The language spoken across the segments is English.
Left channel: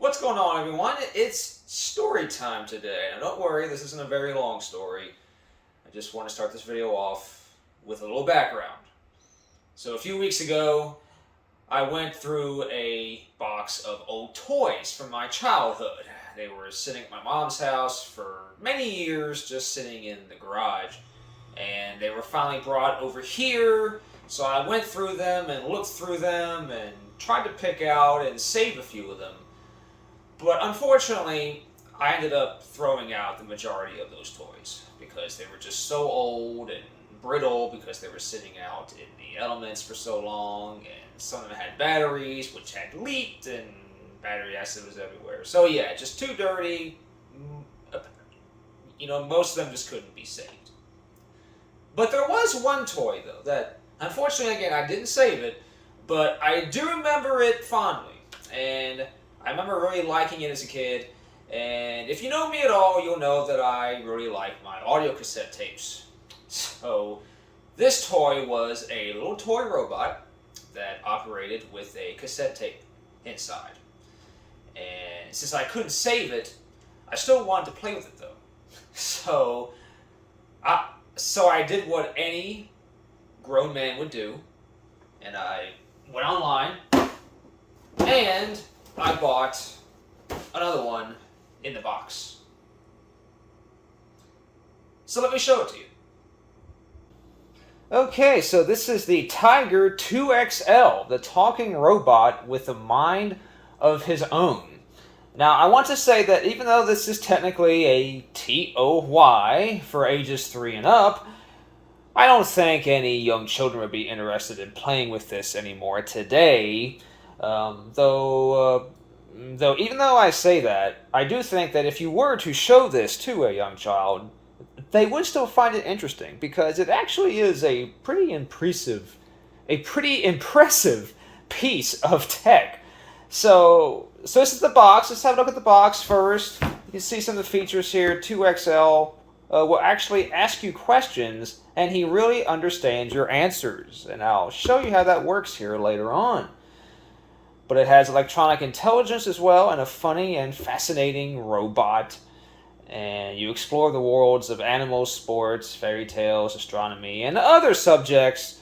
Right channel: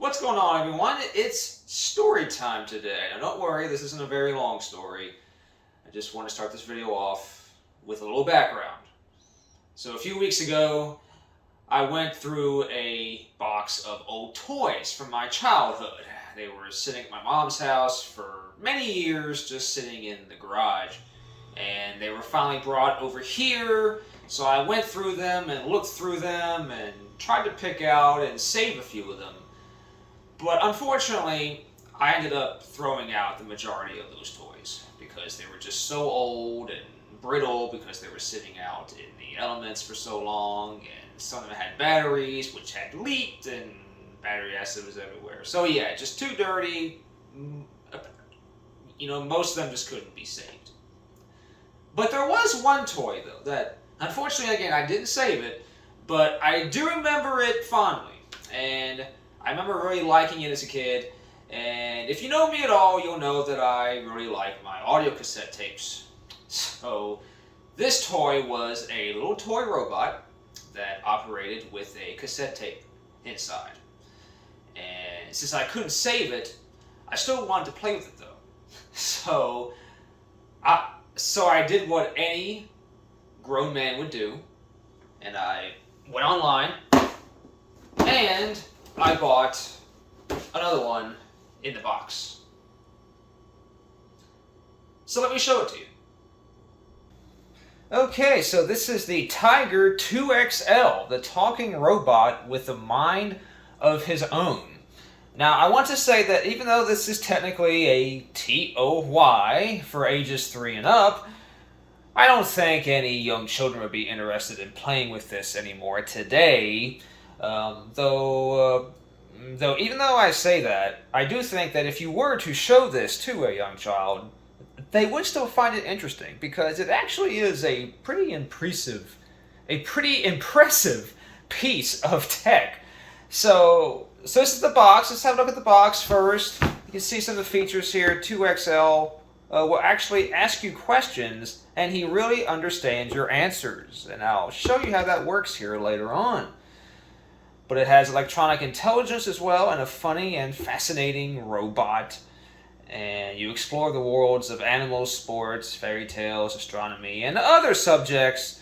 What's going on, everyone? It's story time today. Now, don't worry, this isn't a very long story. I just want to start this video off with a little background. So, a few weeks ago, I went through a box of old toys from my childhood. They were sitting at my mom's house for many years, just sitting in the garage. And they were finally brought over here, so I went through them and looked through them and tried to pick out and save a few of them. But unfortunately, I ended up throwing out the majority of those toys because they were just so old and brittle because they were sitting out in the elements for so long, and some of them had batteries which had leaked and battery acid was everywhere. So yeah, just too dirty. Most of them just couldn't be saved. But there was one toy though that, unfortunately, again, I didn't save it, but I do remember it fondly. And I remember really liking it as a kid, and if you know me at all, you'll know that I really like my audio cassette tapes. So this toy was a little toy robot that operated with a cassette tape inside. And since I couldn't save it, I still wanted to play with it though. So I did what any grown man would do, and I went online and I bought another one in the box. So let me show it to you. Okay, so this is the Tiger 2XL, the talking robot with a mind of his own. Now, I want to say that even though this is technically a TOY for ages 3 and up, I don't think any young children would be interested in playing with this anymore today. Though even though I say that, I do think that if you were to show this to a young child, they would still find it interesting because it actually is a pretty impressive piece of tech. So this is the box. Let's have a look at the box first. You can see some of the features here. 2XL will actually ask you questions, and he really understands your answers. And I'll show you how that works here later on. But it has electronic intelligence as well, and a funny and fascinating robot. And you explore the worlds of animals, sports, fairy tales, astronomy, and other subjects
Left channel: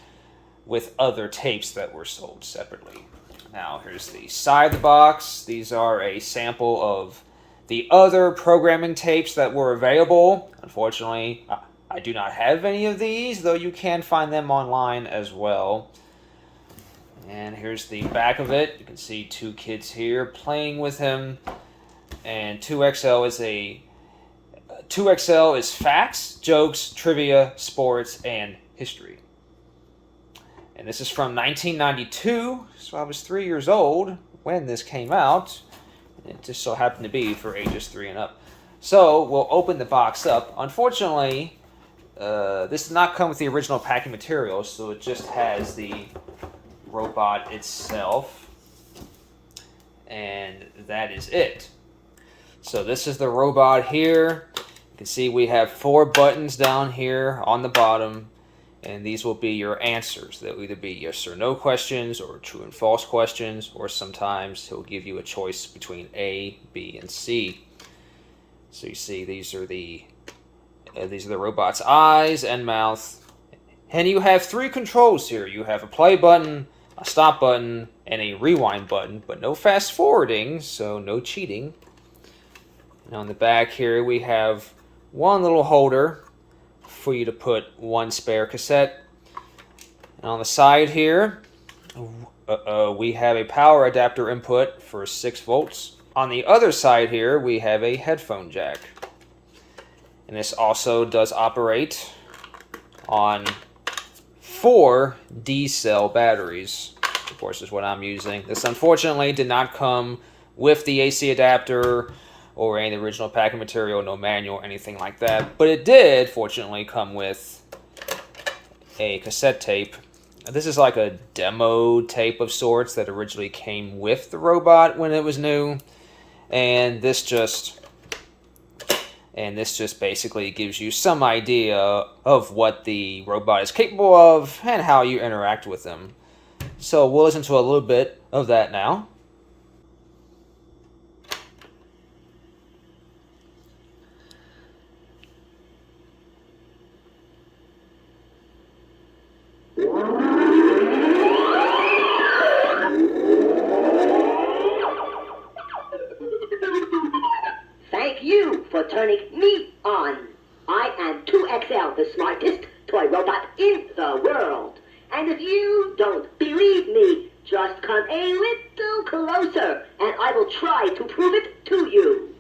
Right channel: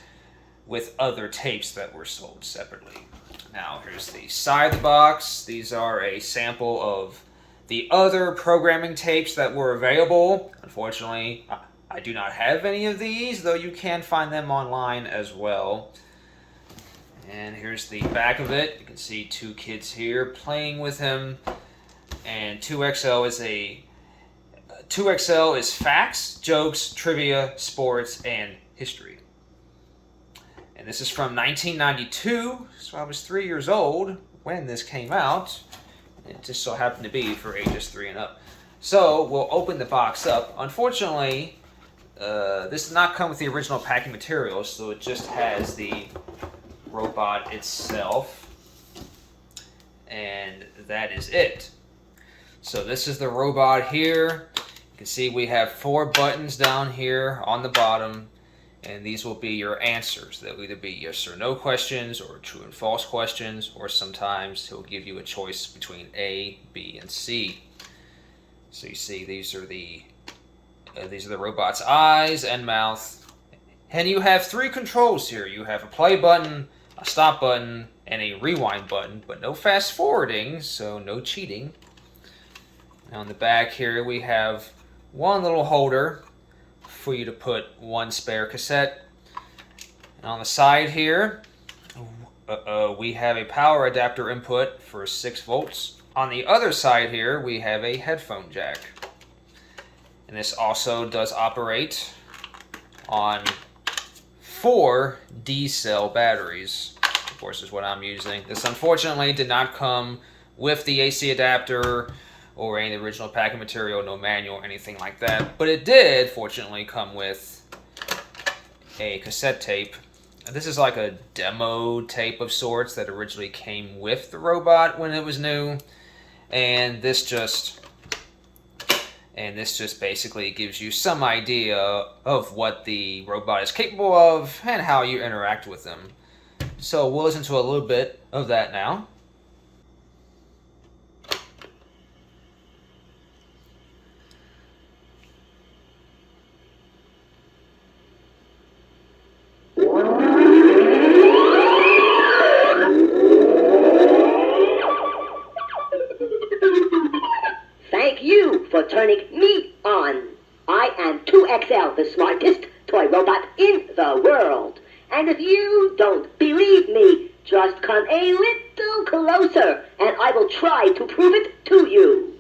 with other tapes that were sold separately. Now, here's the side of the box. These are a sample of the other programming tapes that were available. Unfortunately, I do not have any of these, though you can find them online as well. And here's the back of it. You can see two kids here playing with him. And 2XL is facts, jokes, trivia, sports, and history. And this is from 1992, so I was 3 years old when this came out. It just so happened to be for ages 3 and up. So we'll open the box up. Unfortunately, this did not come with the original packing materials, so it just has the robot itself, and that is it. So this is the robot here. You can see we have 4 buttons down here on the bottom, and these will be your answers. They'll either be yes or no questions, or true and false questions, or sometimes he'll give you a choice between A, B, and C. So you see these are the robot's eyes and mouth. And you have 3 controls here. You have a play button, a stop button, and a rewind button, but no fast forwarding, so no cheating. And on the back here, we have one little holder for you to put one spare cassette. And on the side here, we have a power adapter input for 6 volts. On the other side here, we have a headphone jack. And this also does operate on 4 D-cell batteries, of course, is what I'm using. This unfortunately did not come with the AC adapter or any original packing material, no manual or anything like that. But it did, fortunately, come with a cassette tape. This is like a demo tape of sorts that originally came with the robot when it was new. And this just basically gives you some idea of what the robot is capable of and how you interact with them. So we'll listen to a little bit of that now. thank you for turning me on. I am 2XL, the smartest toy robot in the world. And if you don't believe me, just come a little closer and I will try to prove it to you.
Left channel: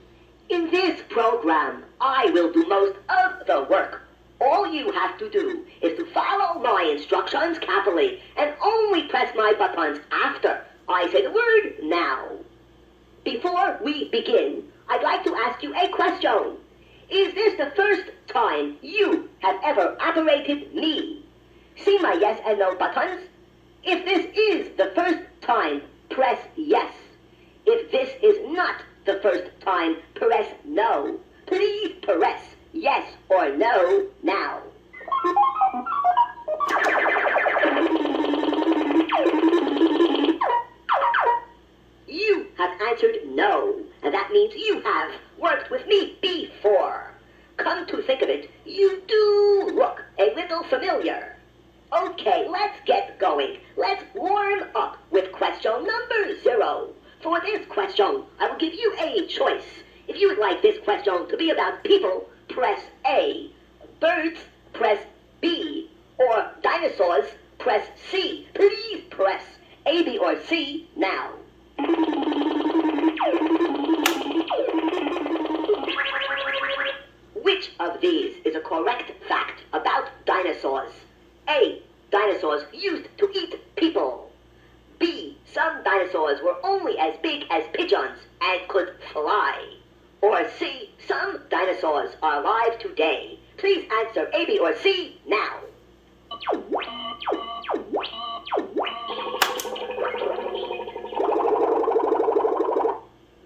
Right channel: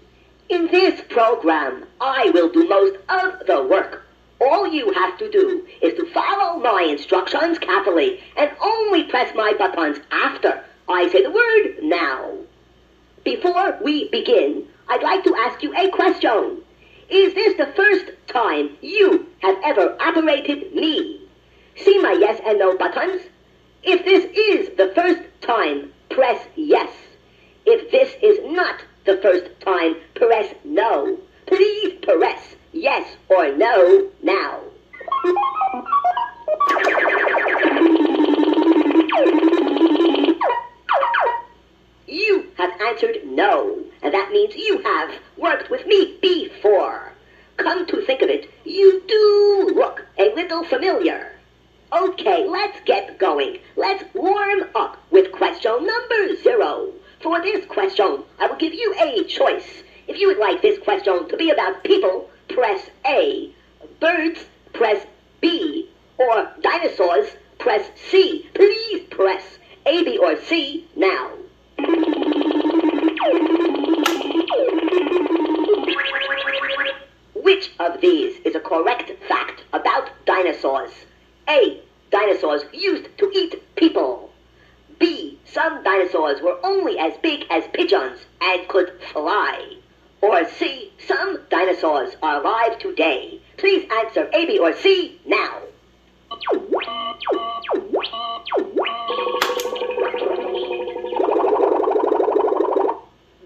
In this program, I will do most of the work. All you have to do is to follow my instructions carefully and only press my buttons after I say the word now. Before we begin, I'd like to ask you a question. Is this the first time you have ever operated me? See my yes and no buttons? If this is the first time, press yes. If this is not the first time, press no. Please press yes or no now. You have answered no, and that means you have worked with me before. Come to think of it, you do look a little familiar. Okay, let's get going. Let's warm up with question number 0. For this question, I will give you a choice. If you would like this question to be about people, press A. Birds, press B. Or dinosaurs, press C. Please press A, B, or C now. Which of these is a correct fact about dinosaurs? A. Dinosaurs used to eat people. B. Some dinosaurs were only as big as pigeons and could fly. Or C. Some dinosaurs are alive today. Please answer A, B, or C now.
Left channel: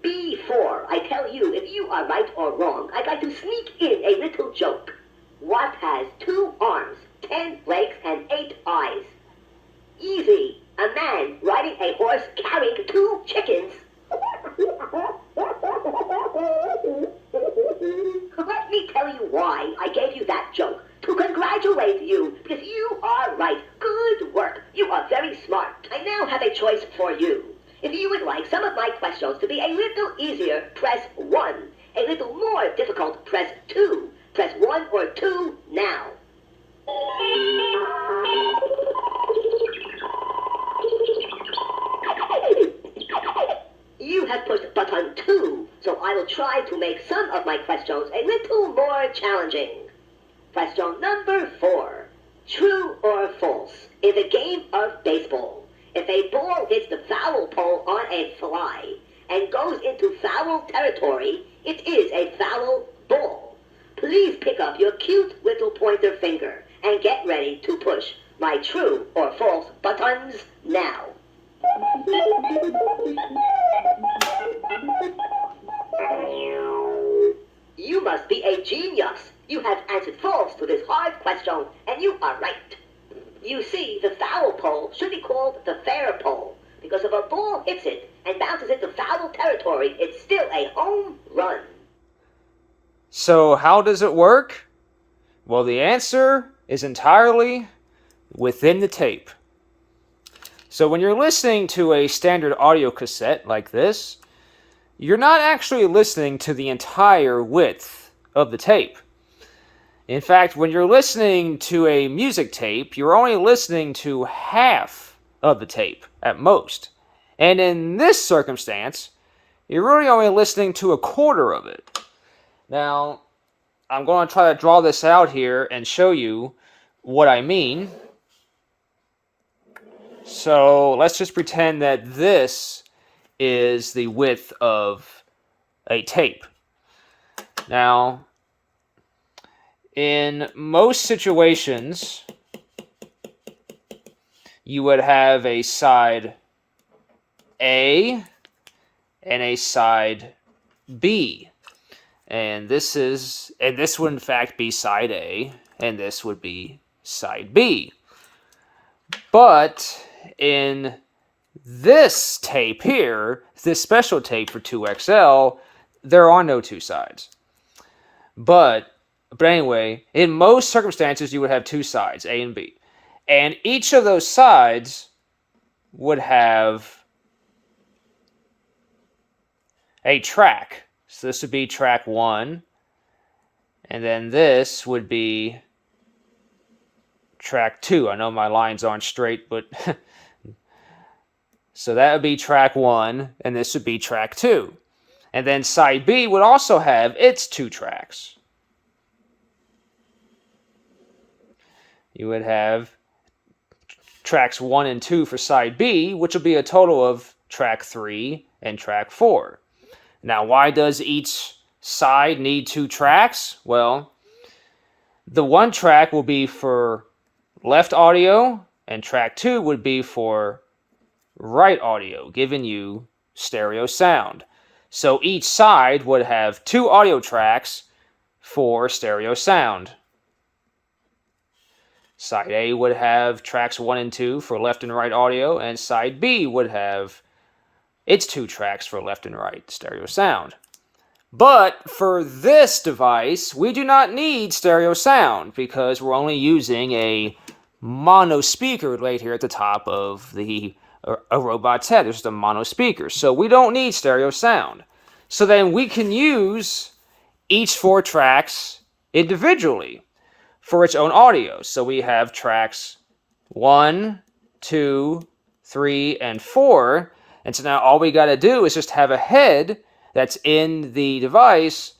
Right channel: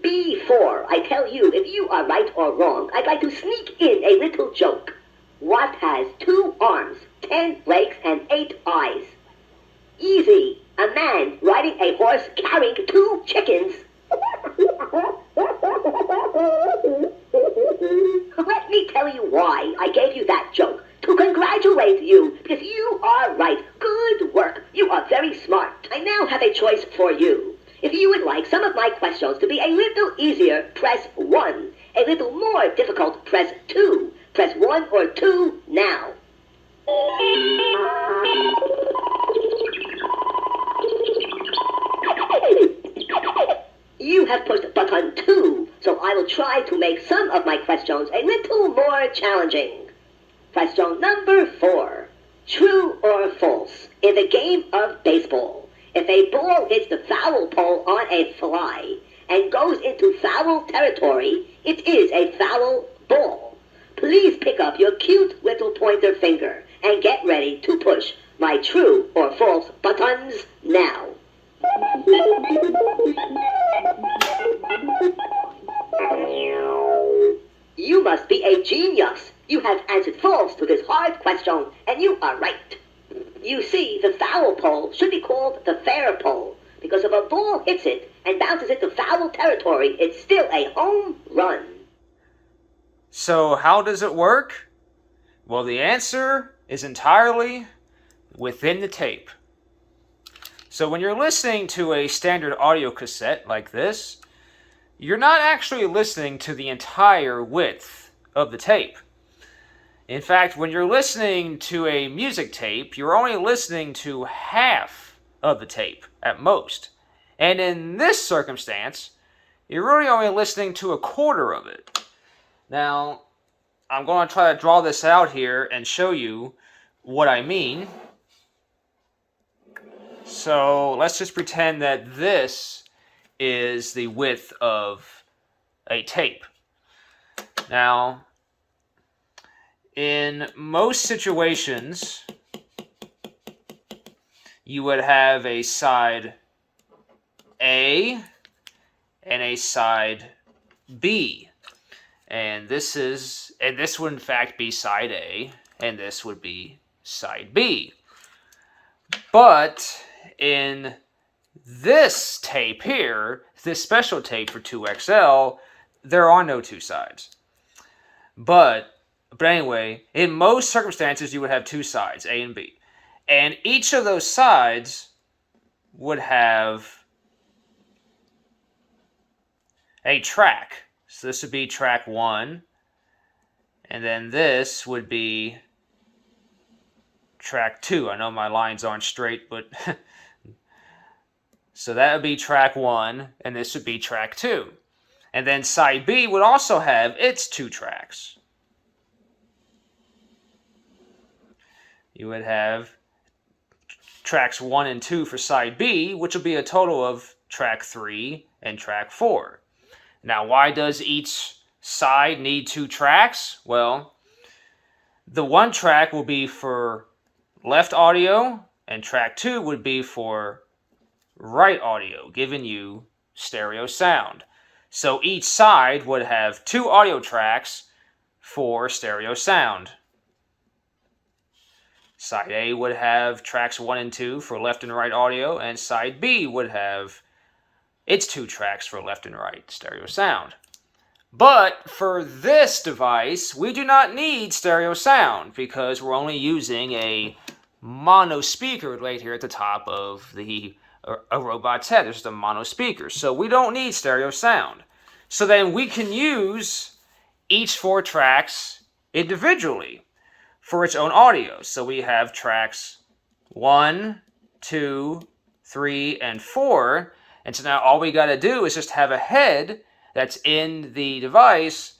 Before I tell you if you are right or wrong, I'd like to sneak in a little joke. What has 2 arms, 10 legs, and 8 eyes? Easy. A man riding a horse carrying 2 chickens. Let me tell you why I gave you that joke. To congratulate you, because you are right. Good work. You are very smart. I now have a choice for you. If you would like some of my questions to be a little easier, press 1. A little more difficult, press 2. Press 1 or 2 now. You have pushed button 2, so I will try to make some of my questions a little more challenging. Question number 4. True or false? In the game of baseball, if a ball hits the foul pole on a fly and goes into foul territory, it is a foul ball. Please pick up your cute little pointer finger and get ready to push my true or false buttons now. You must be a genius. You have answered false to this hard question, and you are right. You see, the foul pole should be called the fair pole, because if a ball hits it and bounces into foul territory, it's still a home run. So how does it work? Well, the answer is entirely within the tape. So when you're listening to a standard audio cassette like this, you're not actually listening to the entire width of the tape. In fact, when you're listening to a music tape, you're only listening to half of the tape at most. And in this circumstance, you're really only listening to a quarter of it. Now, I'm going to try to draw this out here and show you what I mean. So let's just pretend that this is the width of a tape. Now, in most situations, you would have a side A and a side B. And this would in fact be side A, and this would be side B. But in this tape here, this special tape for 2XL, there are no 2 sides. But anyway, in most circumstances, you would have 2 sides, A and B. And each of those sides would have a track. So this would be track 1. And then this would be track 2. I know my lines aren't straight, but so that would be track 1, and this would be track 2. And then side B would also have its 2 tracks. You would have tracks 1 and 2 for side B, which will be a total of track 3 and track 4. Now, why does each side need 2 tracks? Well, the one track will be for left audio, and track 2 would be for right audio, giving you stereo sound. So each side would have 2 audio tracks for stereo sound. Side A would have tracks 1 and 2 for left and right audio, and side B would have its 2 tracks for left and right stereo sound. But for this device, we do not need stereo sound because we're only using a mono speaker right here at the top of a robot's head. There's just a mono speaker, so we don't need stereo sound. So then we can use each 4 tracks individually for its own audio. So we have tracks 1, 2, 3, and 4. And so now all we got to do is just have a head that's in the device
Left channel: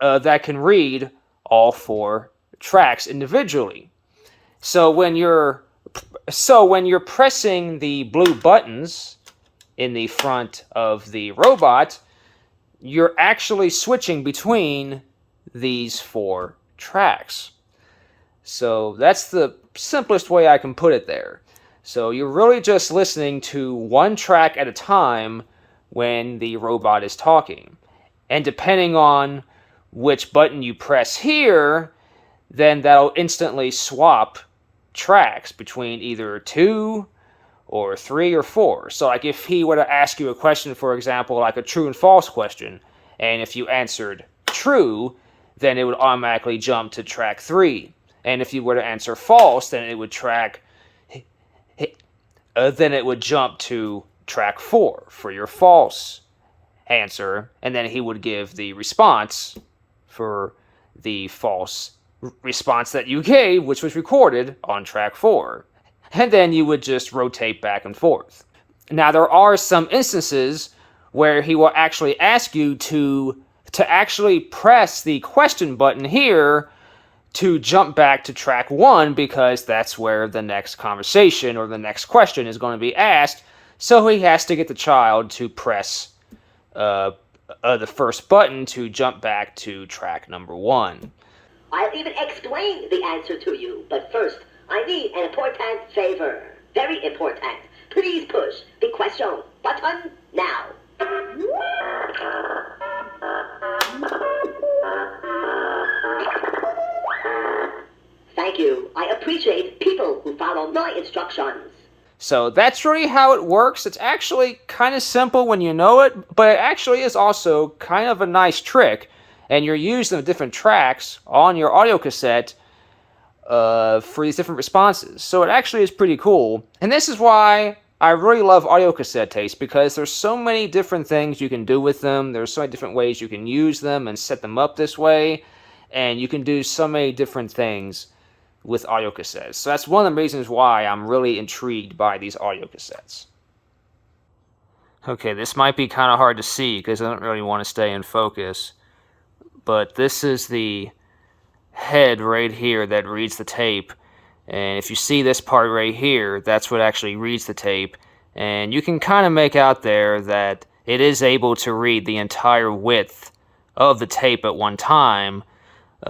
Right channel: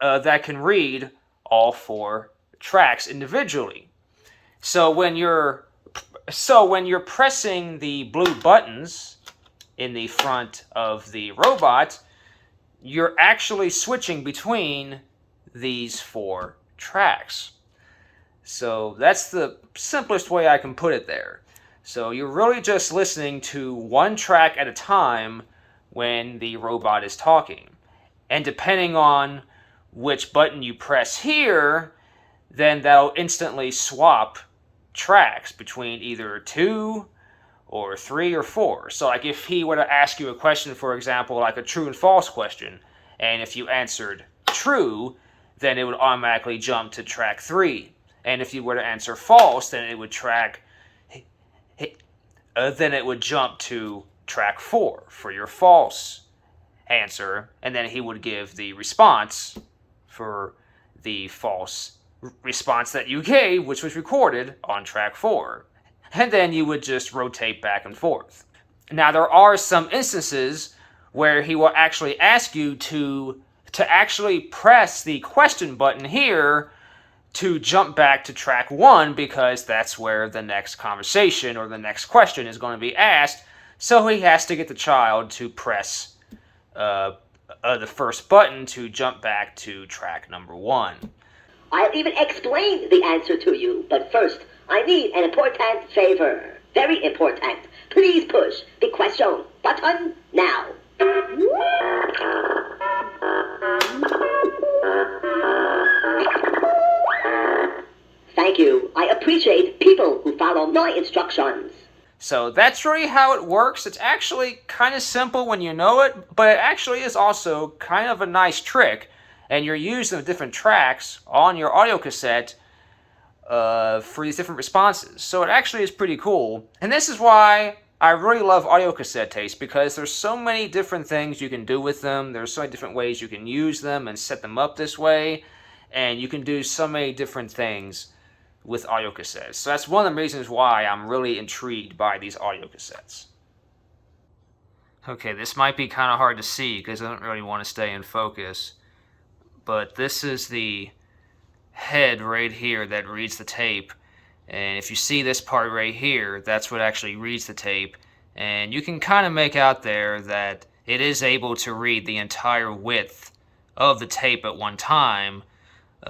that can read all 4 tracks individually. So when you're pressing the blue buttons in the front of the robot, you're actually switching between these 4 tracks. So that's the simplest way I can put it there. So you're really just listening to one track at a time when the robot is talking. And depending on which button you press here, then that'll instantly swap tracks between either 2 or 3 or 4. So like if he were to ask you a question, for example, like a true and false question, and if you answered true, then it would automatically jump to track 3. And if you were to answer false, then it would jump to track 4 for your false answer, and then he would give the response for the false response that you gave, which was recorded on track 4. And then you would just rotate back and forth. Now, there are some instances where he will actually ask you to actually press the question button here to jump back to track 1, because that's where the next conversation or the next question is going to be asked. So he has to get the child to press the first button to jump back to track number 1. I'll even explain the answer to you, but first, I need an important favor. Very important. Please push the question button now. Thank you. I appreciate people who follow my instructions. So that's really how it works. It's actually kind of simple when you know it, but it actually is also kind of a nice trick. And you're using the different tracks on your audio cassette for these different responses. So it actually is pretty cool. And this is why I really love audio cassette tapes, because there's so many different things you can do with them. There's so many different ways you can use them and set them up this way. And you can do so many different things with audio cassettes. So that's one of the reasons why I'm really intrigued by these audio cassettes. Okay, this might be kind of hard to see because I don't really want to stay in focus. But this is the head right here that reads the tape. And if you see this part right here, that's what actually reads the tape. And you can kind of make out there that it is able to read the entire width of the tape at one time.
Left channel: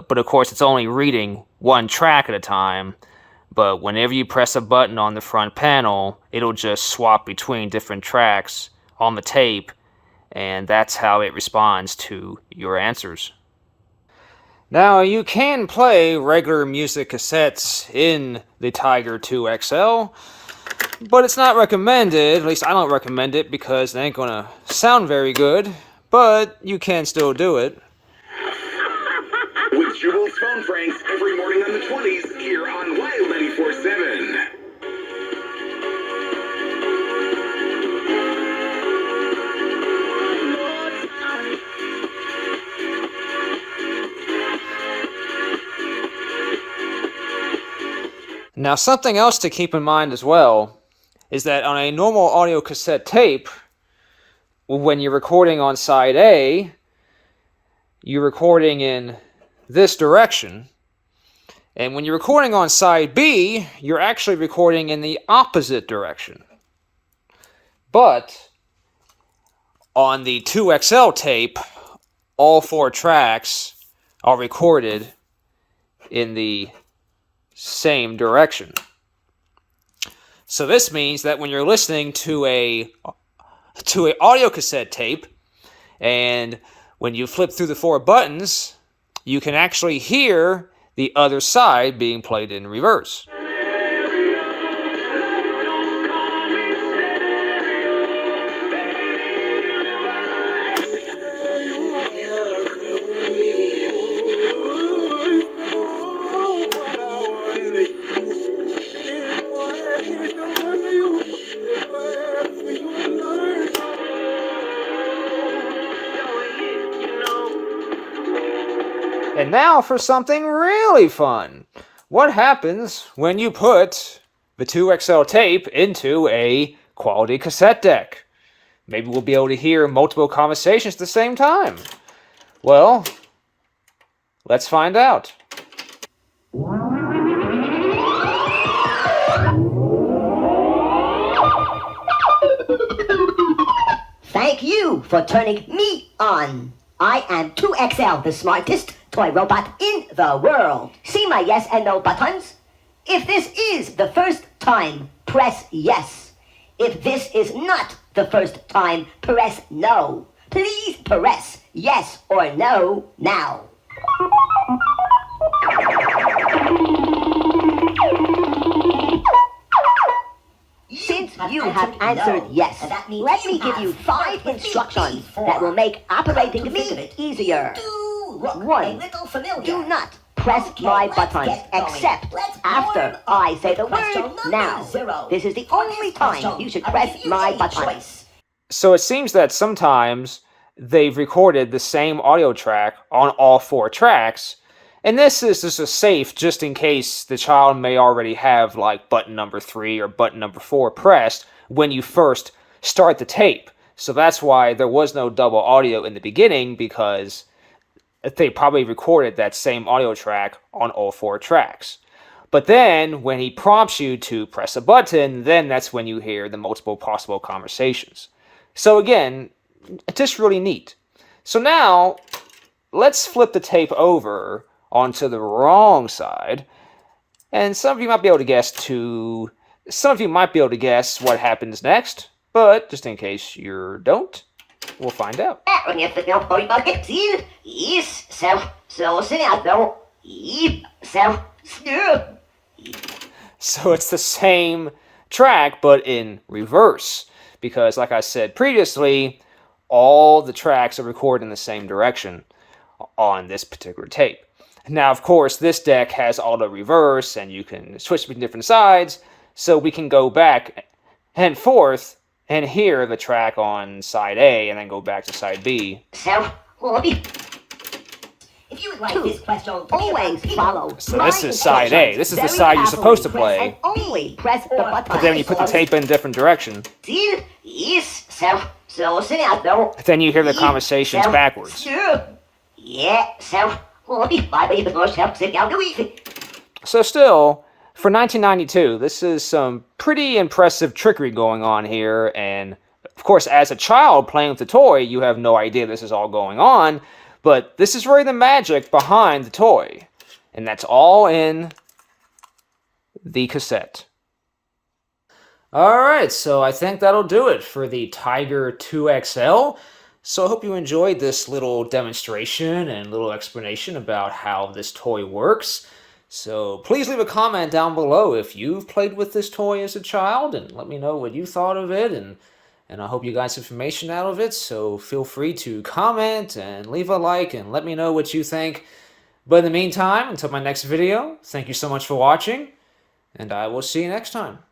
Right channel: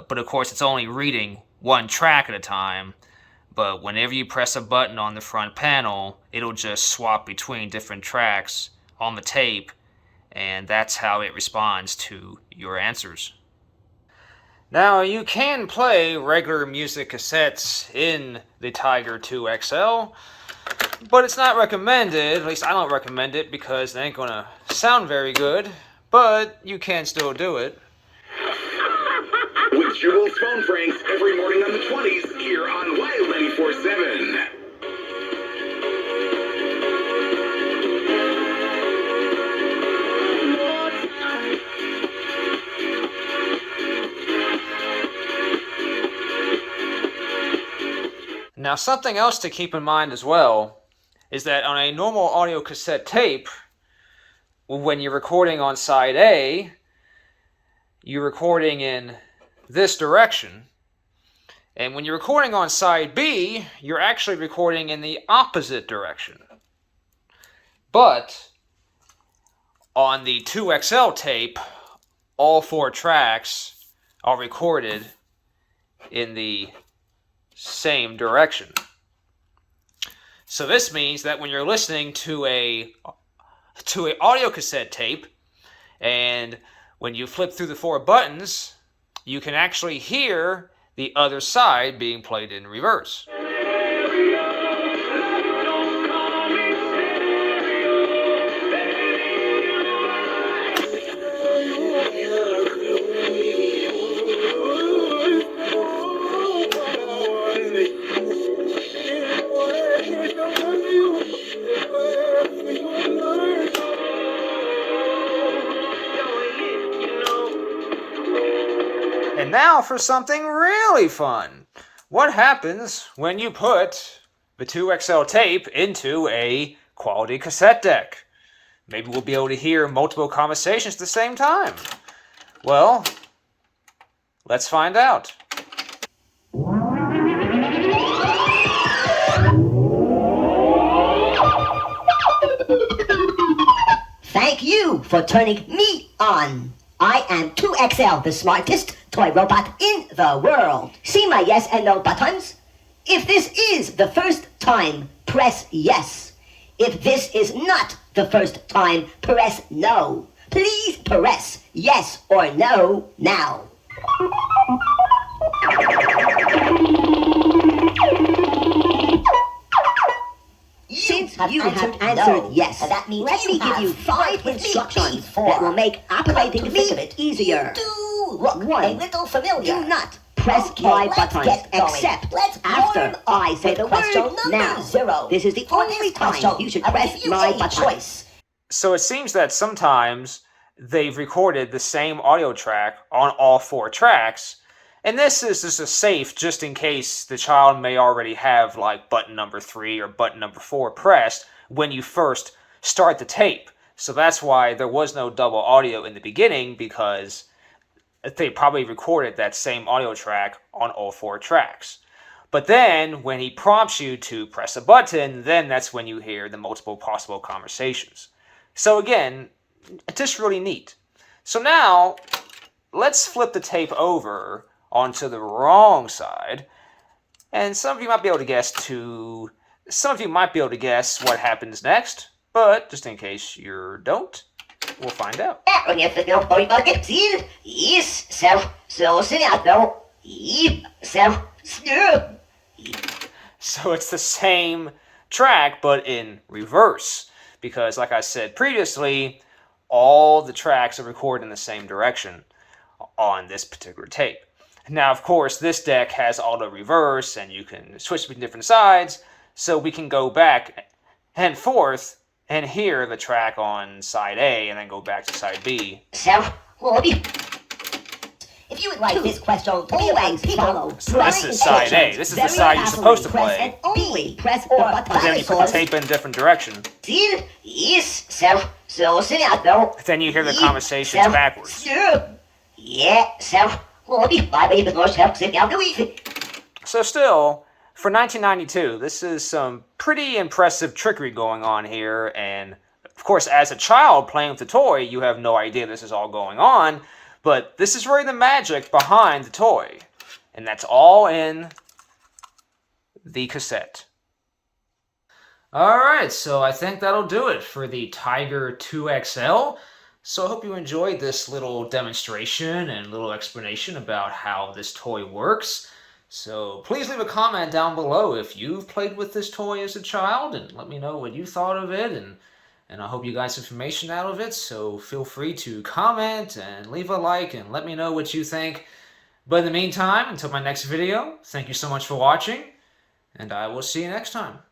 But of course, it's only reading one track at a time. But whenever you press a button on the front panel, it'll just swap between different tracks on the tape. And that's how it responds to your answers. Now, you can play regular music cassettes in the Tiger 2 XL, but it's not recommended. At least I don't recommend it because it ain't gonna sound very good, but you can still do it. With Jubal's phone pranks every morning on the 20s here on Wild 94.7. Now, something else to keep in mind as well is that on a normal audio cassette tape, when you're recording on side A, you're recording in this direction. And when you're recording on side B, you're actually recording in the opposite direction. But on the 2XL tape, all 4 tracks are recorded in the same direction. So this means that when you're listening to a audio cassette tape, and when you flip through the 4 buttons, you can actually hear the other side being played in reverse. And now for something really fun. What happens when you put the 2XL tape into a quality cassette deck? Maybe we'll be able to hear multiple conversations at the same time. Well, let's find out. Thank you for turning me on. I am 2XL, the smartest toy robot in the world. See my yes and no buttons? If this is the first time, press yes. If this is not the first time, press no. Please press yes or no now. Since you have answered yes, let me give you 5 instructions that will make operating me easier. 1. Do not press my buttons except after I say the word now. This is the only time you should press my buttons. So it seems that sometimes they've recorded the same audio track on all 4 tracks, and this is just a safe just in case the child may already have like button number 3 or button number 4 pressed when you first start the tape. So that's why there was no double audio in the beginning, because they probably recorded that same audio track on all 4 tracks. But then when he prompts you to press a button, then that's when you hear the multiple possible conversations. So again, just really neat. So now let's flip the tape over onto the wrong side, and some of you might be able to guess what happens next, but just in case you don't, we'll find out. So it's the same track, but in reverse, because like I said previously, all the tracks are recorded in the same direction on this particular tape. Now, of course, this deck has auto reverse, and you can switch between different sides, so we can go back and forth and hear the track on side A and then go back to side B. If you would like this question to always follow. So this is side A. This is the side you're supposed to play. And only press the button. But then when you put the tape in a different direction, then you hear the conversations backwards. So still, for 1992, this is some pretty impressive trickery going on here, and of course, as a child playing with the toy, you have no idea this is all going on, but this is really the magic behind the toy, and that's all in the cassette. Alright, so I think that'll do it for the Tiger 2XL. So I hope you enjoyed this little demonstration and little explanation about how this toy works. So please leave a comment down below if you've played with this toy as a child, and let me know what you thought of it, and I hope you got some information out of it. So feel free to comment and leave a like and let me know what you think. But in the meantime, until my next video, thank you so much for watching, and I will see you next time.